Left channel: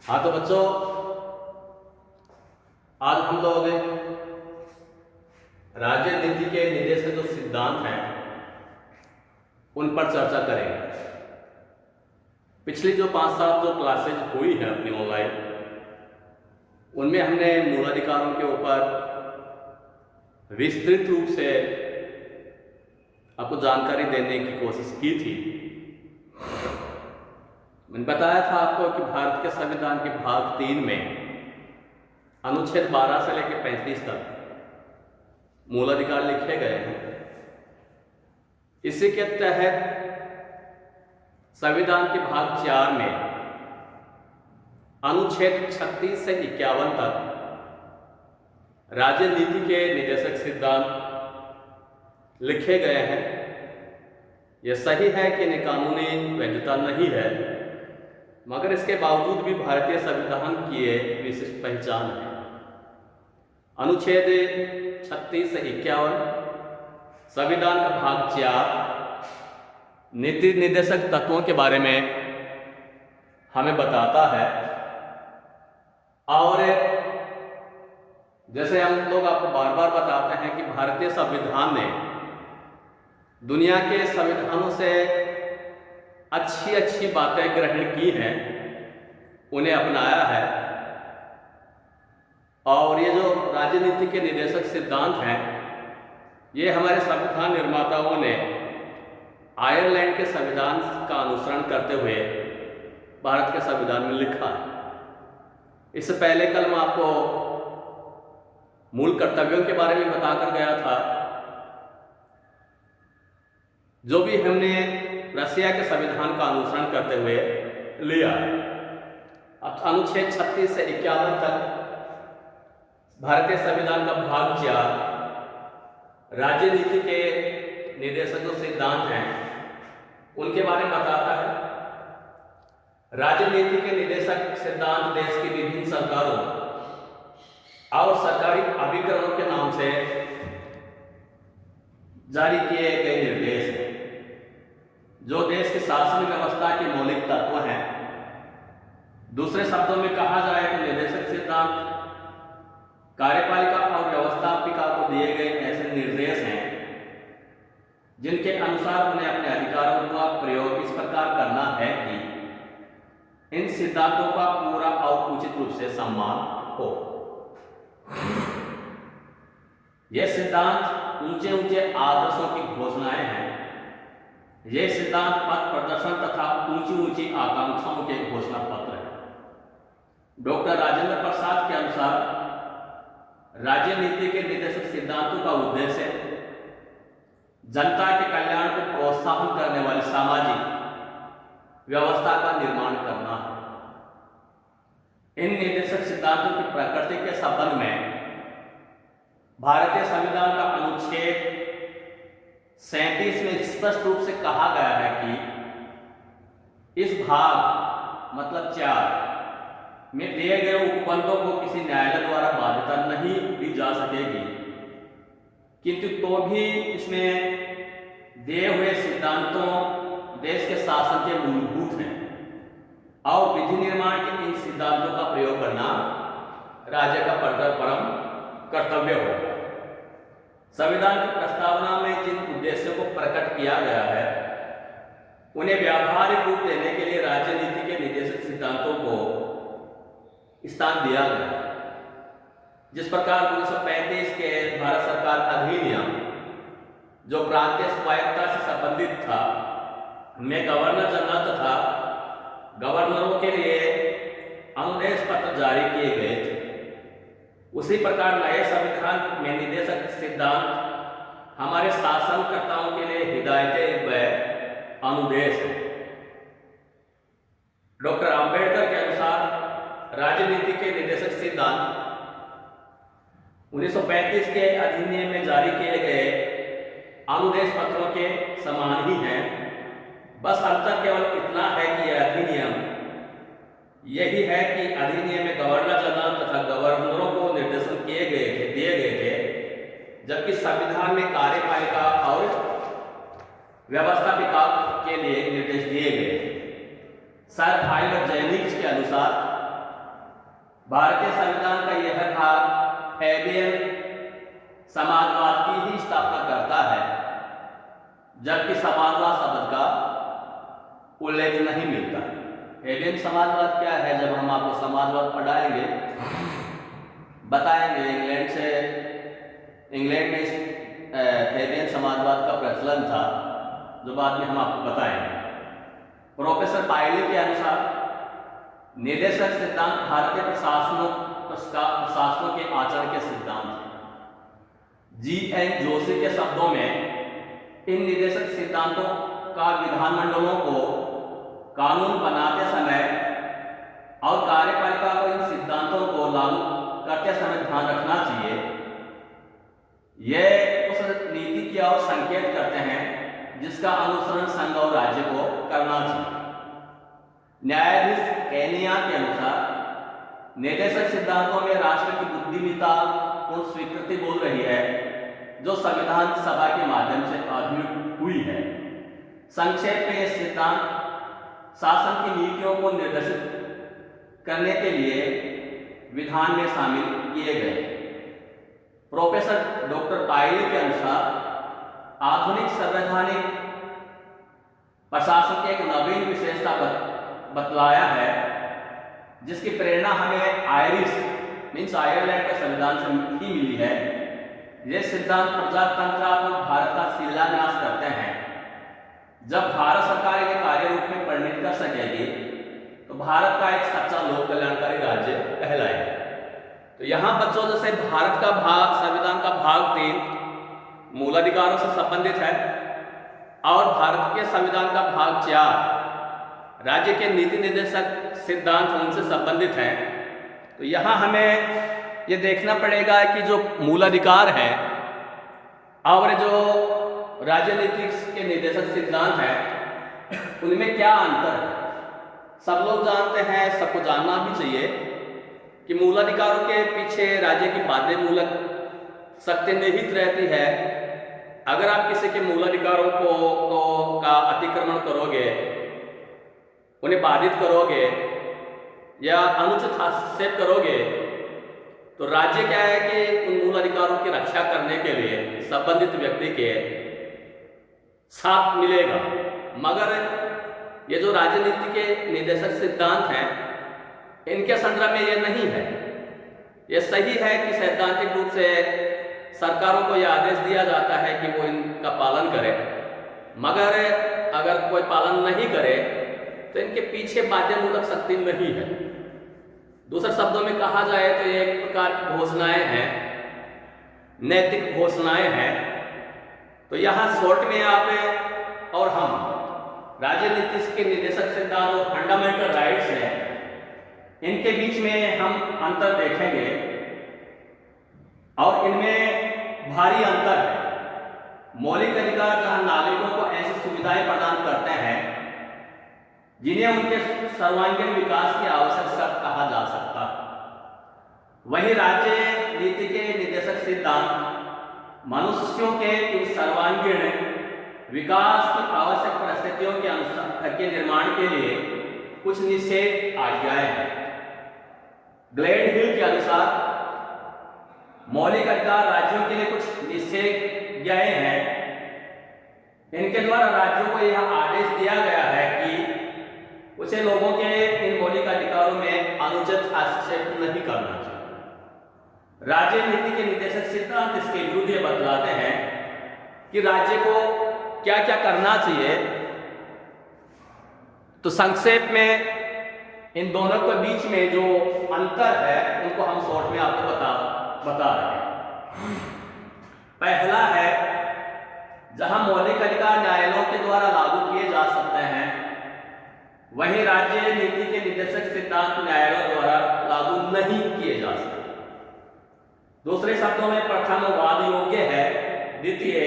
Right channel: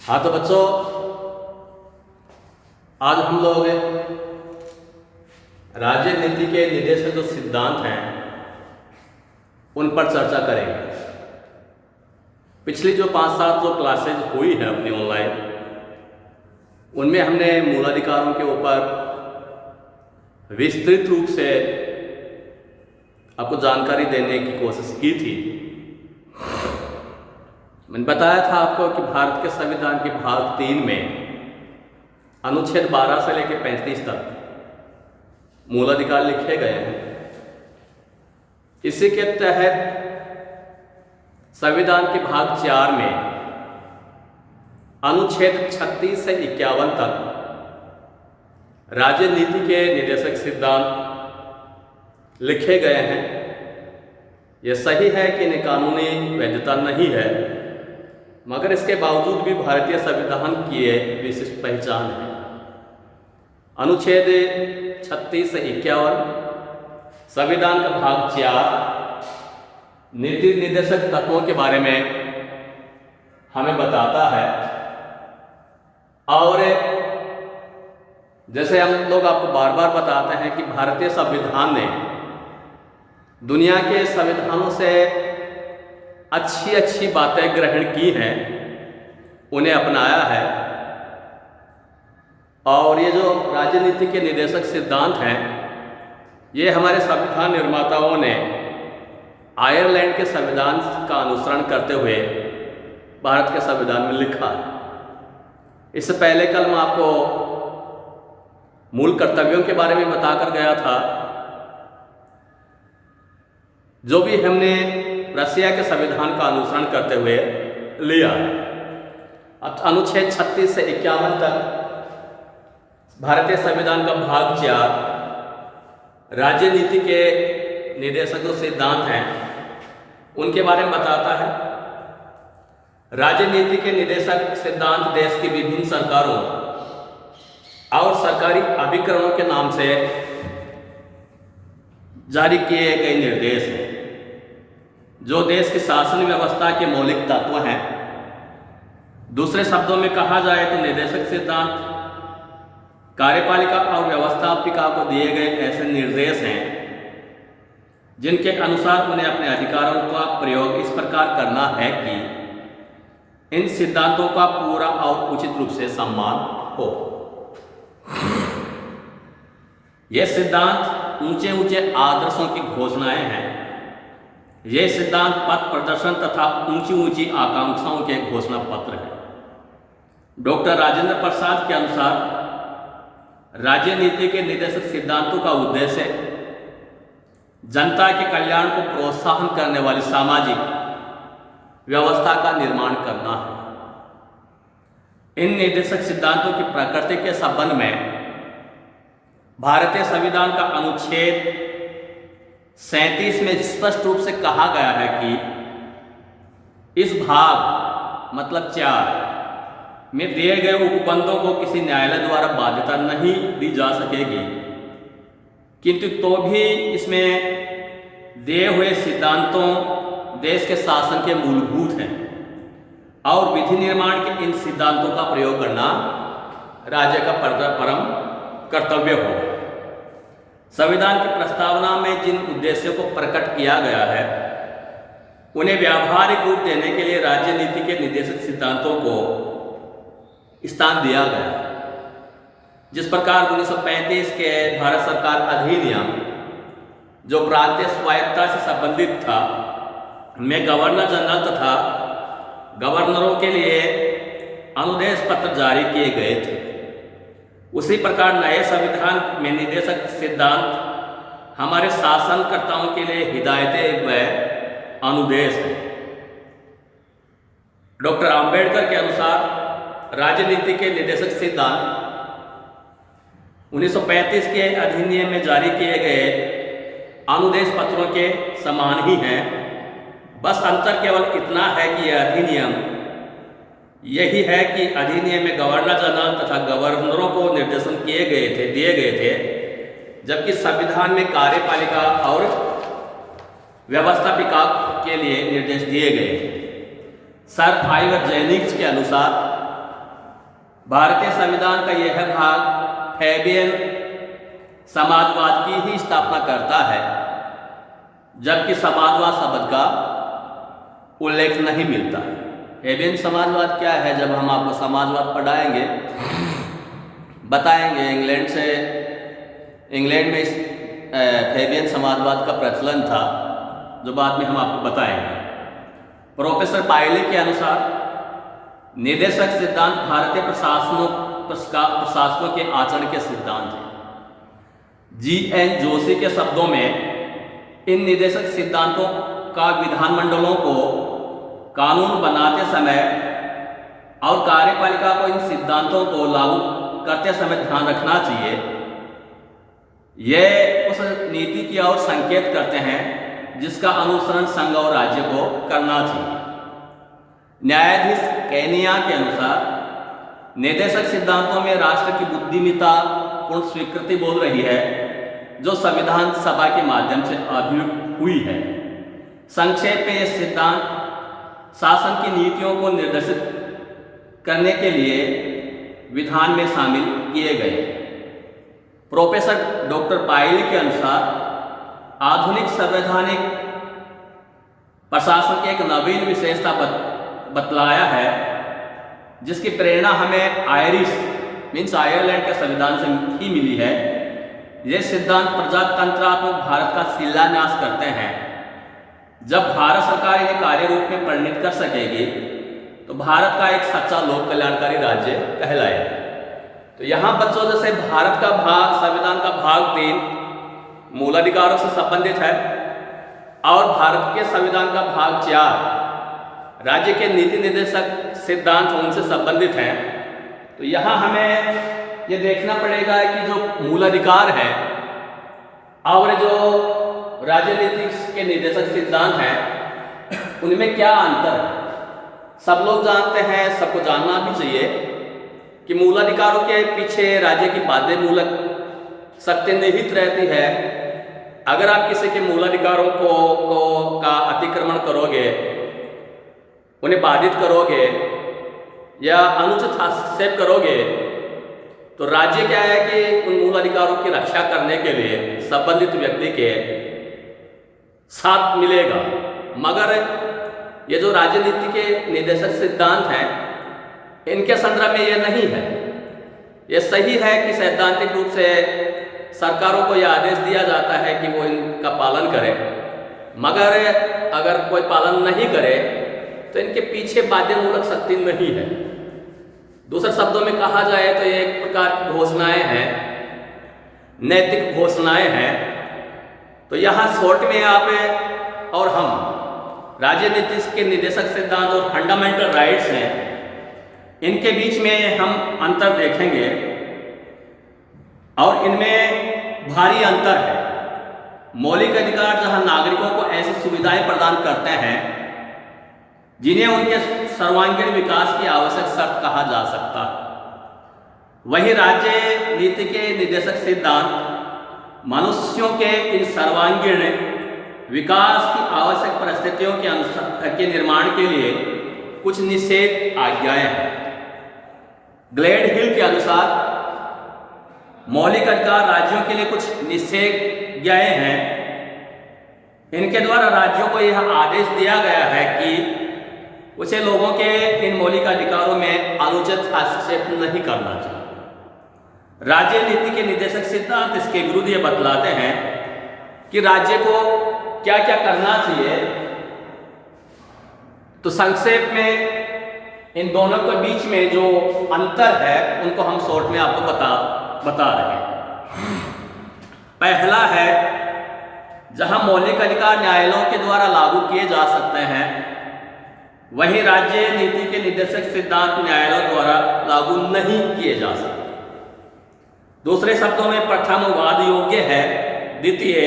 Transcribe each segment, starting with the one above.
हाँ तो बच्चों, आज हम लोग राज्य नीति के निर्देशक जो सिद्धांत हैं उन पर चर्चा करेंगे। पिछली जो 5-7 जो क्लासेज हुई है अपनी ऑनलाइन, उनमें हमने मूलाधिकारों के ऊपर विस्तृत रूप से आपको जानकारी देने की कोशिश की थी। मैंने बताया था आपको कि भारत के संविधान के भाग 3 में अनुच्छेद 12 से लेकर 35 तक मूलाधिकार लिखे गए हैं। इसी के तहत संविधान के भाग 4 में अनुच्छेद 36 से 51 तक राज्य नीति के निर्देशक सिद्धांत लिखे गए हैं। यह सही है कि इन्हें कानूनी वैधता नहीं है, मगर इसके बावजूद भी भारतीय संविधान की एक विशिष्ट पहचान है। अनुच्छेद 36 से 51 संविधान का भाग 4 नीति निर्देशक तत्वों के बारे में हमें बताता है। और जैसे हम लोग आपको बार बार बताते हैं कि भारतीय संविधान ने दुनिया के संविधानों से अच्छी अच्छी बातें ग्रहण की हैं, उन्हें अपनाया है। और ये जो राजनीति के निर्देशक सिद्धांत हैं, ये हमारे संविधान निर्माताओं ने आयरलैंड के संविधान का अनुसरण करते हुए भारत के संविधान में लिखा है। इससे पहले कल मैं आपको मूल कर्तव्यों के बारे में बताकर गया था। जो भी हमने रसिया के संविधान का अनुसरण करते हुए लिया। अब अनुच्छेद 36 से 51 तक भारतीय संविधान का भाग 4 राज्य नीति के निर्देशक जो सिद्धांत हैं उनके बारे में बताता है। राज्य नीति के निर्देशक सिद्धांत देश की विभिन्न सरकारों और सरकारी अभिकरणों के नाम से जारी किए गए निर्देश हैं, जो देश की शासन व्यवस्था के मौलिक तत्व हैं। दूसरे शब्दों में कहा जाए तो निर्देशक सिद्धांत कार्यपालिका और व्यवस्थापिका को दिए गए ऐसे निर्देश हैं जिनके अनुसार उन्हें अपने अधिकारों का प्रयोग इस प्रकार करना है कि इन सिद्धांतों का पूरा और उचित रूप से सम्मान हो। ये सिद्धांत ऊंचे ऊंचे आदर्शों की घोषणाएं हैं। ये सिद्धांत पथ प्रदर्शन तथा ऊंची ऊंची आकांक्षाओं के घोषणा पत्र हैं। डॉक्टर राजेंद्र प्रसाद के अनुसार राज्य नीति के निर्देशक सिद्धांतों का उद्देश्य जनता के कल्याण को प्रोत्साहन करने वाली सामाजिक व्यवस्था का निर्माण करना है। इन निर्देशक सिद्धांतों की प्रकृति के संबंध में भारतीय संविधान का अनुच्छेद 37 में स्पष्ट रूप से कहा गया है कि इस भाग मतलब 4 में दिए गए उपबंधों को किसी न्यायालय द्वारा बाध्यता नहीं दी जा सकेगी, किंतु तो भी इसमें दिए हुए सिद्धांतों देश के शासन के मूलभूत हैं और विधि निर्माण के इन सिद्धांतों का प्रयोग करना राज्य का परम कर्तव्य हो। संविधान की प्रस्तावना में जिन उद्देश्यों को प्रकट किया गया है उन्हें व्यावहारिक रूप देने के लिए राज्य नीति के निर्देशक सिद्धांतों को स्थान दिया गया। जिस प्रकार 1935 के भारत सरकार अधिनियम जो प्रांतीय स्वायत्तता से संबंधित था, में गवर्नर जनरल तथा गवर्नरों के लिए अनुदेश पत्र जारी किए गए थे, उसी प्रकार नए संविधान में निर्देशक सिद्धांत हमारे शासनकर्ताओं के लिए हिदायतें व अनुदेश हैं। डॉक्टर अंबेडकर के अनुसार राजनीति के निर्देशक सिद्धांत 1935 के अधिनियम में जारी किए गए अनुदेश पत्रों के समान ही हैं। बस अंतर केवल इतना है कि यह अधिनियम यही है कि अधिनियम में गवर्नर जनरल तथा गवर्नरों को निर्देशन दिए गए थे, जबकि संविधान में कार्यपालिका और व्यवस्थापिका के लिए निर्देश दिए गए थे। सर आइवर जेनिक्स के अनुसार भारतीय संविधान का यह भाग फैबियन समाजवाद की ही स्थापना करता है, जबकि समाजवाद शब्द का उल्लेख नहीं मिलता है। फैबियन समाजवाद क्या है? जब हम आपको समाजवाद पढ़ाएंगे, बताएंगे इंग्लैंड में इस फैबियन समाजवाद का प्रचलन था, जो बाद में हम आपको बताएंगे। प्रोफेसर पायली के अनुसार निर्देशक सिद्धांत भारतीय प्रशासनों के आचरण के सिद्धांत हैं। G.N. जोशी के शब्दों में इन निर्देशक सिद्धांतों का विधानमंडलों को कानून बनाते समय और कार्यपालिका को इन सिद्धांतों को लागू करते समय ध्यान रखना चाहिए। यह उस नीति की ओर संकेत करते हैं जिसका अनुसरण संघ और राज्य को करना चाहिए। न्यायाधीश केनिया के अनुसार निर्देशक सिद्धांतों में राष्ट्र की बुद्धिमत्ता पूर्ण स्वीकृति बोल रही है, जो संविधान सभा के माध्यम से अभिव्यक्त हुई है। संक्षेप में यह सिद्धांत शासन की नीतियों को निर्देशित करने के लिए विधान में शामिल किए गए। प्रोफेसर डॉक्टर पायली के अनुसार आधुनिक संवैधानिक प्रशासन की एक नवीन विशेषता बतलाया है, जिसकी प्रेरणा हमें आयरलैंड के संविधान से ही मिली है। ये सिद्धांत प्रजातंत्रात्मक भारत का शिलान्यास करते हैं। जब भारत सरकार इन्हें कार्य रूप में परिणित कर सकेगी तो भारत का एक सच्चा लोक कल्याणकारी राज्य कहलाएगा। तो यहाँ बच्चों, जैसे भारत का भाग, संविधान का भाग 3 मूलाधिकारों से संबंधित है और भारत के संविधान का भाग 4 राज्य के नीति निर्देशक सिद्धांत उनसे संबंधित हैं। तो यहाँ हमें ये देखना पड़ेगा कि जो मूलाधिकार है और जो राज्य नीति के निर्देशक सिद्धांत हैं, उनमें क्या अंतर है। सब लोग जानते हैं, सबको जानना भी चाहिए कि मूलाधिकारों के पीछे राज्य की बाध्य मूलक शक्ति निहित रहती है। अगर आप किसी के मूलाधिकारों का अतिक्रमण करोगे, उन्हें बाधित करोगे या अनुचित हस्तक्षेप करोगे, तो राज्य क्या है कि उन मूलाधिकारों की रक्षा करने के लिए संबंधित व्यक्ति के साथ मिलेगा। मगर ये जो राजनीति के निर्देशक सिद्धांत हैं, इनके संदर्भ में ये नहीं है। ये सही है कि सैद्धांतिक रूप से सरकारों को यह आदेश दिया जाता है कि वो इनका पालन करें, मगर अगर कोई पालन नहीं करे तो इनके पीछे बाध्यमूलक शक्ति नहीं है। दूसरे शब्दों में कहा जाए तो ये एक प्रकार की घोषणाएं हैं, नैतिक घोषणाएं हैं। तो यहाँ शॉर्ट में आप और हम राजनीति के निर्देशक सिद्धांत और फंडामेंटल राइट्स हैं, इनके बीच में हम अंतर देखेंगे और इनमें भारी अंतर है। मौलिक अधिकार जहां नागरिकों को ऐसी सुविधाएं प्रदान करते हैं जिन्हें उनके सर्वांगीण विकास की आवश्यक शर्त कहा जा सकता, वहीं राज्य नीति के निर्देशक सिद्धांत मनुष्यों के इन सर्वांगीण विकास की आवश्यक परिस्थितियों के अनुसार के निर्माण के लिए कुछ निषेध आज्ञाएं हैं। ग्लेड हिल के अनुसार मौलिक अधिकार राज्यों के लिए कुछ निषेधाज्ञाएं हैं। इनके द्वारा राज्यों को यह आदेश दिया गया है कि उसे लोगों के इन मौलिक अधिकारों में अनुचित हस्तक्षेप नहीं करना चाहिए। राज्य नीति के निर्देशक सिद्धांत इसके विरुद्ध ये बतलाते हैं कि राज्य को क्या क्या करना चाहिए। तो संक्षेप में इन दोनों के बीच में जो अंतर है उनको हम शॉर्ट में आपको बता रहे हैं। पहला है, जहां मौलिक अधिकार न्यायालयों के द्वारा लागू किए जा सकते हैं, वहीं राज्य नीति के निर्देशक सिद्धांत न्यायालयों द्वारा लागू नहीं किए जा सकते। दूसरे शब्दों में, प्रथम वाद योग्य है, द्वितीय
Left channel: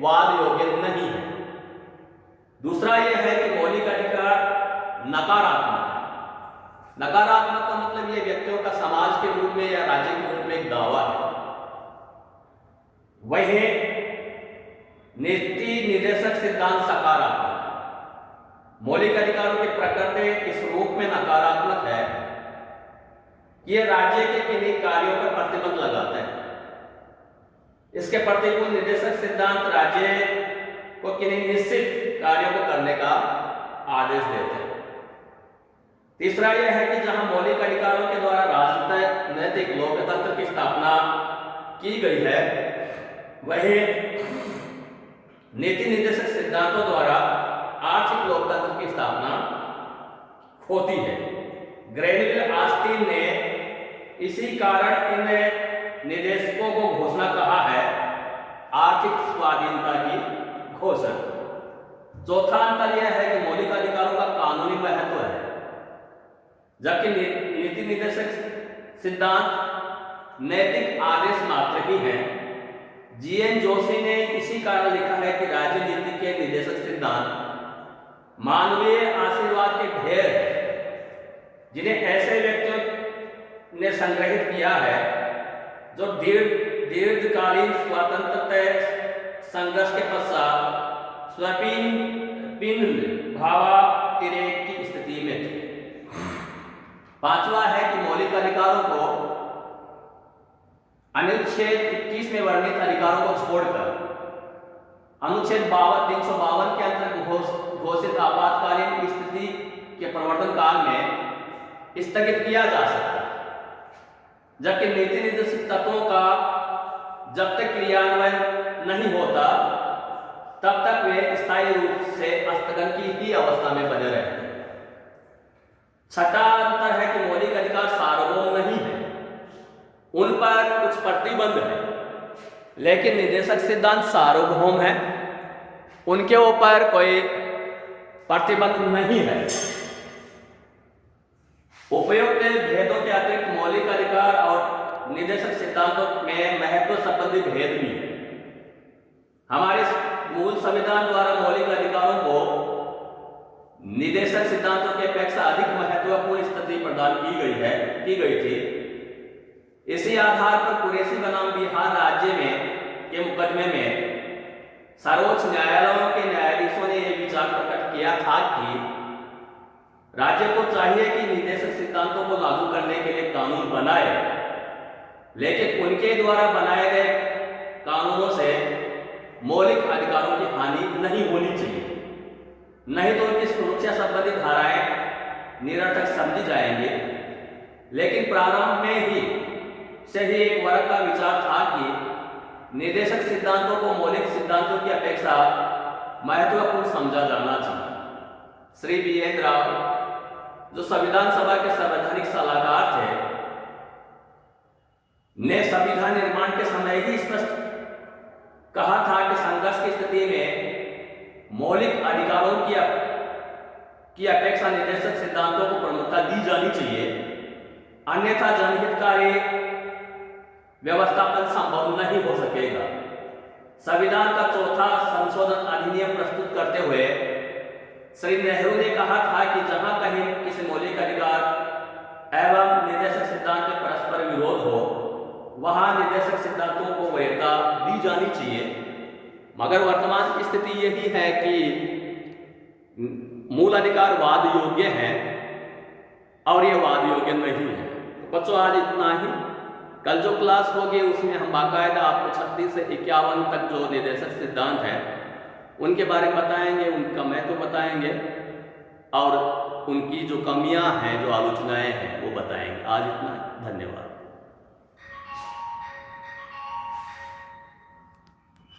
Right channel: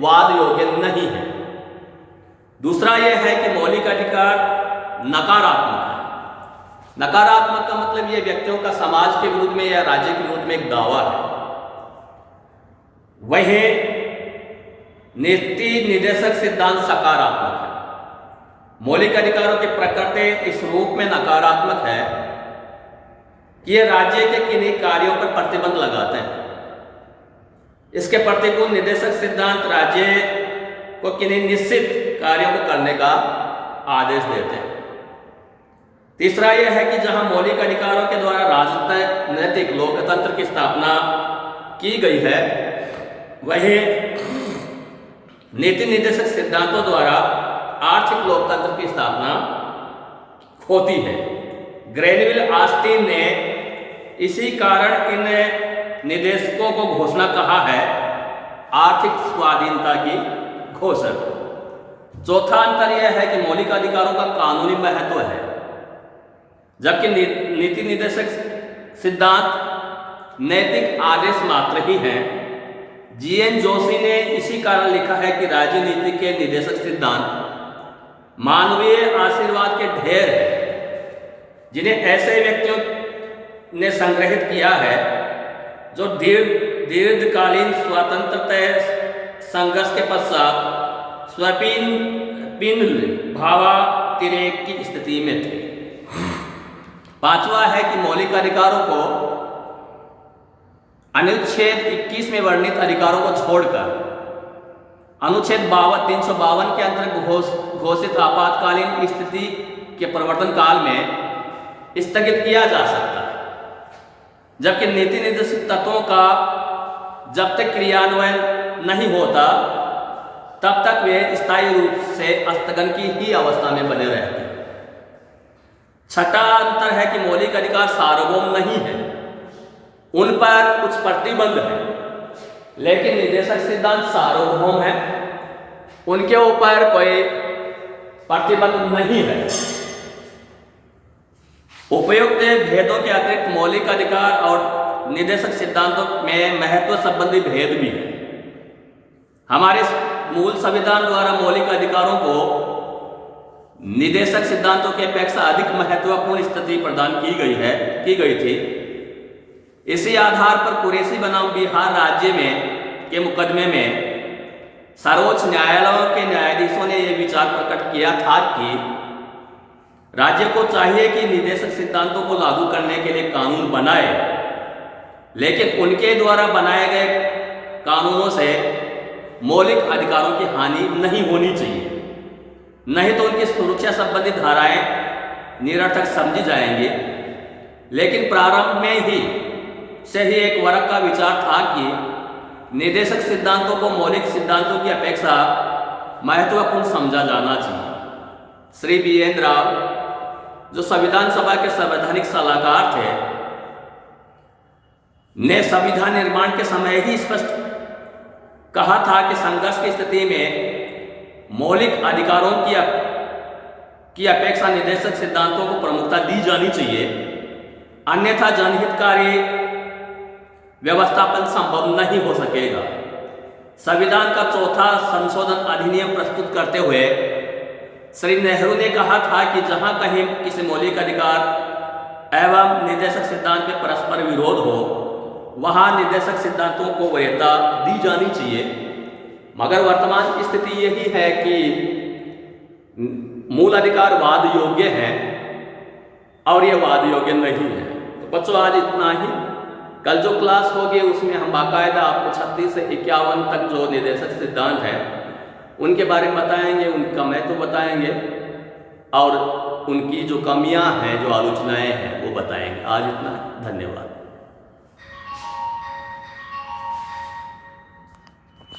वाद योग्य नहीं है। दूसरा यह है कि मौलिक अधिकार नकारात्मक है। नकारात्मक का मतलब यह व्यक्तियों का समाज के विरुद्ध में या राज्य के विरुद्ध में एक दावा है। वही नीति निर्देशक सिद्धांत सकारात्मक है। मौलिक अधिकारों की प्रकृति इस रूप में नकारात्मक है कि ये राज्य के किन्हीं कार्यों पर प्रतिबंध लगाते हैं। इसके प्रतिकूल निदेशक सिद्धांत राज्य को किन्हीं निश्चित कार्यों को करने का आदेश देते हैं। तीसरा यह है कि जहां मौलिक अधिकारों के द्वारा राजनैतिक लोकतंत्र की स्थापना की गई है, वहीं नीति निर्देशक सिद्धांतों द्वारा आर्थिक लोकतंत्र की स्थापना होती है। ग्रेनविल ऑस्टिन ने इसी कारण इन निदेशकों को घोषणा कहा है आर्थिक स्वाधीनता की घोषणा। चौथा अंतर यह है कि मौलिक अधिकारों का कानूनी महत्व है, जबकि नीति निर्देशक सिद्धांत नैतिक आदेश मात्र ही हैं। जीएन जोशी ने इसी कारण लिखा है कि राजनीति के निर्देशक सिद्धांत मानवीय आशीर्वाद के ढेर हैं, जिन्हें ऐसे व्यक्तियों ने संग्रहित किया है जो दीर्घकालीन स्वतंत्रता संघर्ष के पश्चात स्वपिन भावातिरेक की स्थिति में थे। पांचवा है कि मौलिक अधिकारों को अनुच्छेद 21 में वर्णित अधिकारों को छोड़कर अनुच्छेद 352 के अंतर्गत घोषित आपातकालीन स्थिति के प्रवर्तन काल में स्थगित किया जा सकता है, जबकि नीति निर्देशित तत्वों का जब तक क्रियान्वयन नहीं होता तब तक वे स्थायी रूप से स्थगन की ही अवस्था में बने रहते हैं। छठा अंतर है कि मौलिक अधिकार सार्वभौम नहीं है, उन पर कुछ प्रतिबंध है, लेकिन निर्देशक सिद्धांत सार्वभौम है, उनके ऊपर कोई प्रतिबंध नहीं है। उपयुक्त भेदों के अतिरिक्त मौलिक अधिकार और निर्देशक सिद्धांतों में महत्व संबंधी भेद भी है। हमारे मूल संविधान द्वारा मौलिक अधिकारों को निर्देशक सिद्धांतों की अपेक्षा अधिक महत्वपूर्ण स्थिति प्रदान की गई थी। इसी आधार पर कुरैशी बनाम बिहार राज्य के मुकदमे में सर्वोच्च न्यायालयों के न्यायाधीशों ने यह विचार प्रकट किया था कि राज्य को चाहिए कि निर्देशक सिद्धांतों को लागू करने के लिए कानून बनाए, लेकिन उनके द्वारा बनाए गए कानूनों से मौलिक अधिकारों की हानि नहीं होनी चाहिए, नहीं तो उनकी सुरक्षा संबंधी धाराएं निरर्थक समझी जाएंगी। लेकिन प्रारंभ में ही से ही एक वर्ग का विचार था कि निर्देशक सिद्धांतों को मौलिक सिद्धांतों की अपेक्षा महत्वपूर्ण समझा जाना चाहिए। श्री बीएन राव, जो संविधान सभा के संवैधानिक सलाहकार थे, ने संविधान निर्माण के समय ही स्पष्ट कहा था कि संघर्ष की स्थिति में मौलिक अधिकारों की अपेक्षा निर्देशक सिद्धांतों को प्रमुखता दी जानी चाहिए, अन्यथा जनहितकारी व्यवस्थापन संभव नहीं हो सकेगा। संविधान का चौथा संशोधन अधिनियम प्रस्तुत करते हुए श्री नेहरू ने कहा था कि जहां कहीं किसी मौलिक अधिकार एवं निर्देशक सिद्धांत के परस्पर विरोध हो, वहां निर्देशक सिद्धांतों को वरीयता दी जानी चाहिए। मगर वर्तमान की स्थिति यही है कि मूल अधिकार वाद योग्य हैं और ये वाद योग्य नहीं है। तो बच्चों, आज इतना ही। कल जो क्लास होगी उसमें हम बाकायदा आपको 36 से 51 तक जो निर्देशक सिद्धांत हैं उनके बारे में बताएंगे, उनका महत्व बताएंगे और उनकी जो कमियां हैं, जो आलोचनाएं हैं वो बताएंगे। आज इतना, धन्यवाद।